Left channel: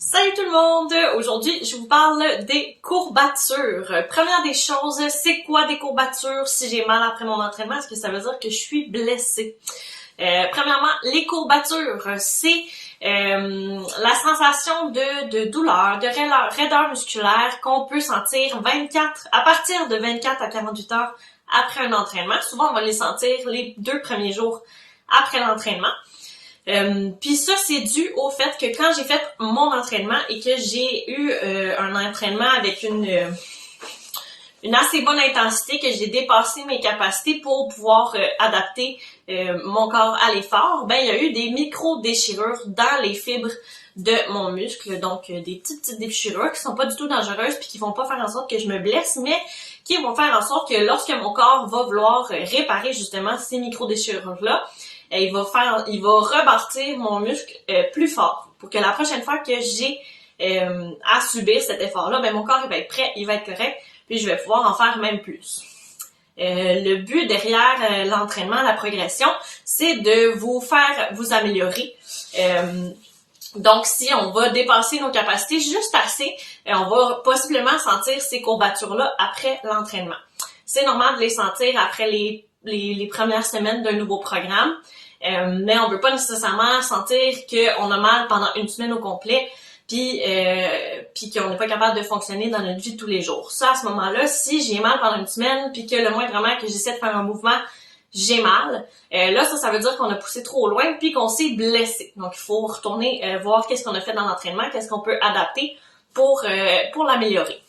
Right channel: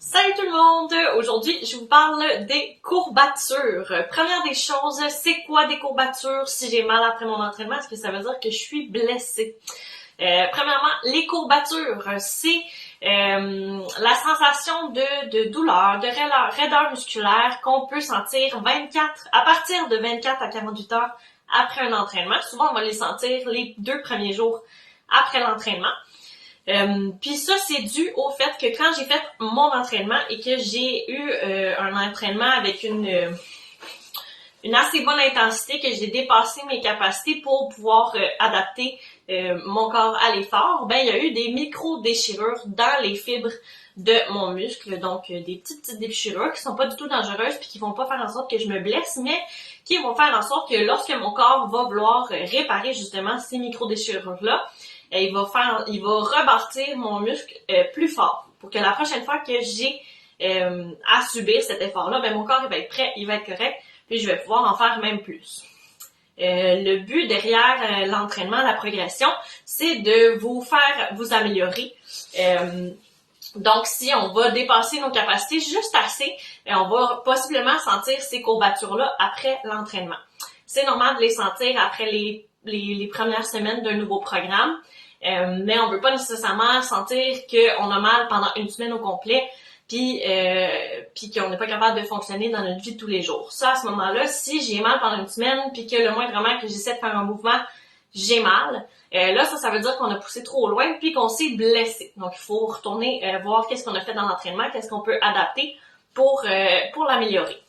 Salut tout le monde! Aujourd'hui, je vous parle des courbatures. Première des choses, c'est quoi des courbatures si j'ai mal après mon entraînement? Est-ce que ça veut dire que je suis blessée? Premièrement, les courbatures, c'est la sensation de douleur, de raideur musculaire qu'on peut sentir à partir de 24 à 48 heures après un entraînement. Souvent, on va les sentir les 2 premiers jours après l'entraînement. Puis ça, c'est dû au fait que quand j'ai fait mon entraînement et que j'ai eu un entraînement avec une assez bonne intensité, que j'ai dépassé mes capacités pour pouvoir adapter mon corps à l'effort, ben il y a eu des micro-déchirures dans les fibres de mon muscle, donc des petites déchirures qui sont pas du tout dangereuses puis qui vont pas faire en sorte que je me blesse, mais qui vont faire en sorte que lorsque mon corps va vouloir réparer justement ces micro-déchirures-là, il va rebâtir mon muscle plus fort pour que la prochaine fois que j'ai à subir cet effort-là, ben mon corps il va être prêt, il va être correct, puis je vais pouvoir en faire même plus. Le but derrière l'entraînement, la progression, c'est de vous faire vous améliorer. Donc, si on va dépasser nos capacités juste assez, on va possiblement sentir ces courbatures-là après l'entraînement. C'est normal de les sentir après les premières semaines d'un nouveau programme, mais on ne veut pas nécessairement sentir qu'on a mal pendant une semaine au complet, puis qu'on n'est pas capable de fonctionner dans notre vie de tous les jours. Ça, à ce moment-là, si j'ai mal pendant une semaine, puis que le moindrement que j'essaie de faire un mouvement, j'ai mal, là, ça veut dire qu'on a poussé trop loin, puis qu'on s'est blessé. Donc, il faut retourner voir qu'est-ce qu'on a fait dans l'entraînement, qu'est-ce qu'on peut adapter pour l'améliorer.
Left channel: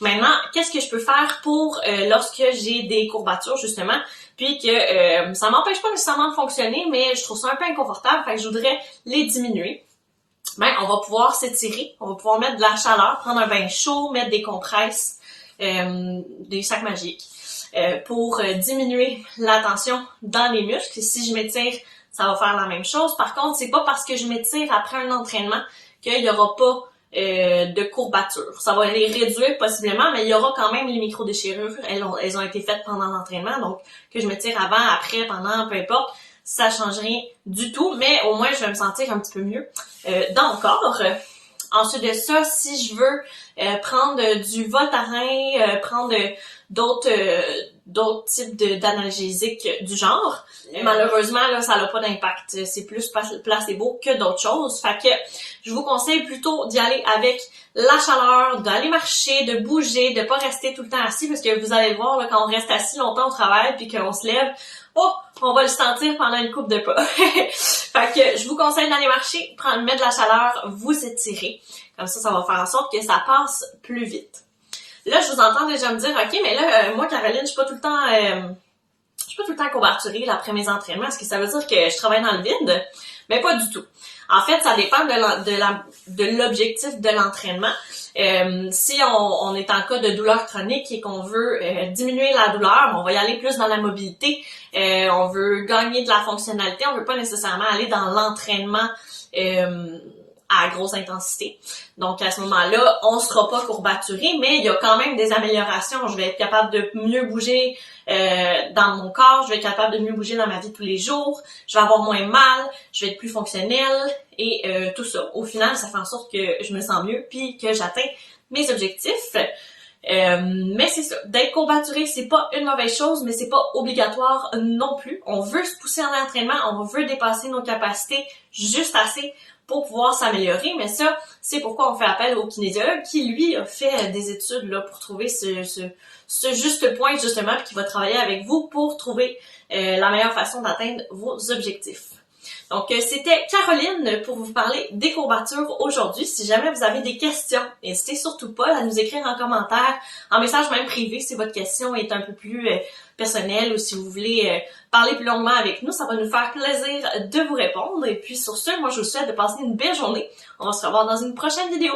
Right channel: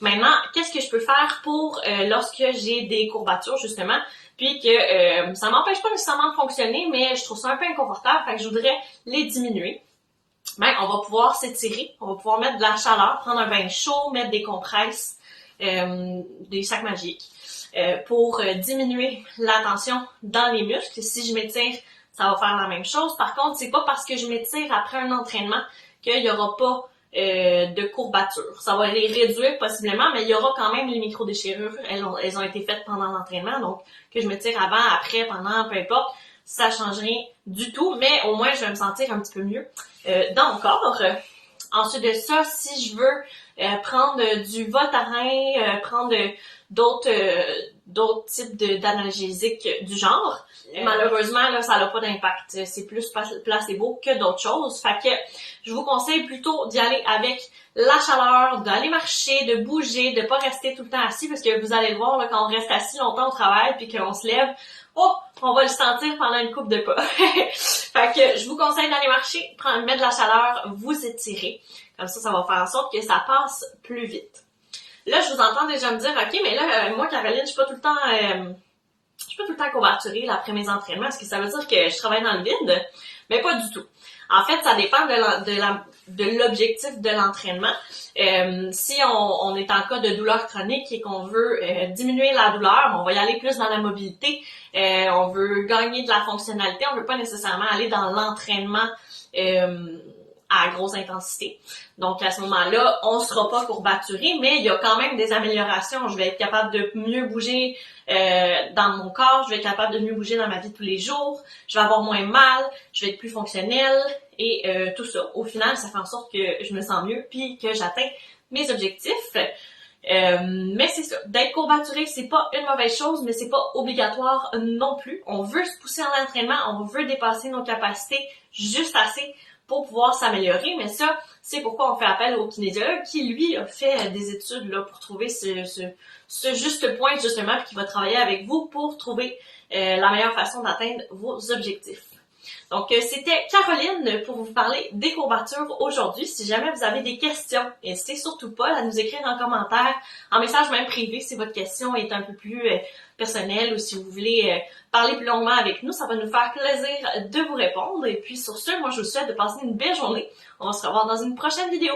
Maintenant, qu'est-ce que je peux faire pour lorsque j'ai des courbatures, justement, puis que ça m'empêche pas nécessairement de fonctionner, mais je trouve ça un peu inconfortable, fait que je voudrais les diminuer. Ben, on va pouvoir s'étirer, on va pouvoir mettre de la chaleur, prendre un bain chaud, mettre des compresses, des sacs magiques, pour diminuer la tension dans les muscles. Si je m'étire, ça va faire la même chose. Par contre, c'est pas parce que je m'étire après un entraînement qu'il y aura pas de courbatures. Ça va les réduire possiblement, mais il y aura quand même les micro-déchirures. Elles ont été faites pendant l'entraînement, donc que je me tire avant, après, pendant, peu importe, ça change rien du tout, mais au moins je vais me sentir un petit peu mieux dans mon corps. Ensuite de ça, si je veux prendre du Voltaren, prendre d'autres types d'analgésiques du genre, malheureusement, là, ça n'a pas d'impact. C'est plus placebo que d'autres choses. Fait que je vous conseille plutôt d'y aller avec la chaleur, d'aller marcher, de bouger, de pas rester tout le temps assis, parce que vous allez voir, là, quand on reste assis longtemps au travail puis qu'on se lève, on va le sentir pendant une couple de pas. Fait que je vous conseille d'aller marcher, mettre de la chaleur, vous étirer. Comme ça va faire en sorte que ça passe plus vite. Là, je vous entends déjà me dire, OK, mais là, moi, Caroline, je suis pas tout le temps courbaturée là, après mes entraînements. Est-ce que ça veut dire que je travaille dans le vide? Mais pas du tout. En fait, ça dépend de l'objectif de l'entraînement. Si on est en cas de douleur chronique et qu'on veut diminuer la douleur, on va y aller plus dans la mobilité. On veut gagner de la fonctionnalité. On veut pas nécessairement aller dans l'entraînement à grosse intensité. Donc, à ce moment-là, on ne sera pas courbaturé, mais il y a quand même des améliorations. Je vais être capable de mieux bouger dans mon corps, je vais être capable de mieux bouger dans ma vie de tous les jours, je vais avoir moins mal, je vais être plus fonctionnelle et tout ça. Au final, ça fait en sorte que je me sens mieux puis que j'atteins mes objectifs. Mais c'est ça, d'être courbaturé, c'est pas une mauvaise chose, mais c'est pas obligatoire non plus. On veut se pousser en entraînement, on veut dépasser nos capacités juste assez pour pouvoir s'améliorer, mais ça, c'est pourquoi on fait appel au kinésiologue qui, lui, a fait des études là pour trouver ce juste point, justement, puis qui va travailler avec vous pour trouver la meilleure façon d'atteindre vos objectifs. Donc, c'était Caroline pour vous parler des courbatures aujourd'hui. Si jamais vous avez des questions, n'hésitez surtout pas à nous écrire en commentaire, en message même privé si votre question est un peu plus personnelle ou si vous voulez parler plus longuement avec nous. Ça va nous faire plaisir de vous répondre. Et puis sur ce, moi je vous souhaite de passer une belle journée. On va se revoir dans une prochaine vidéo.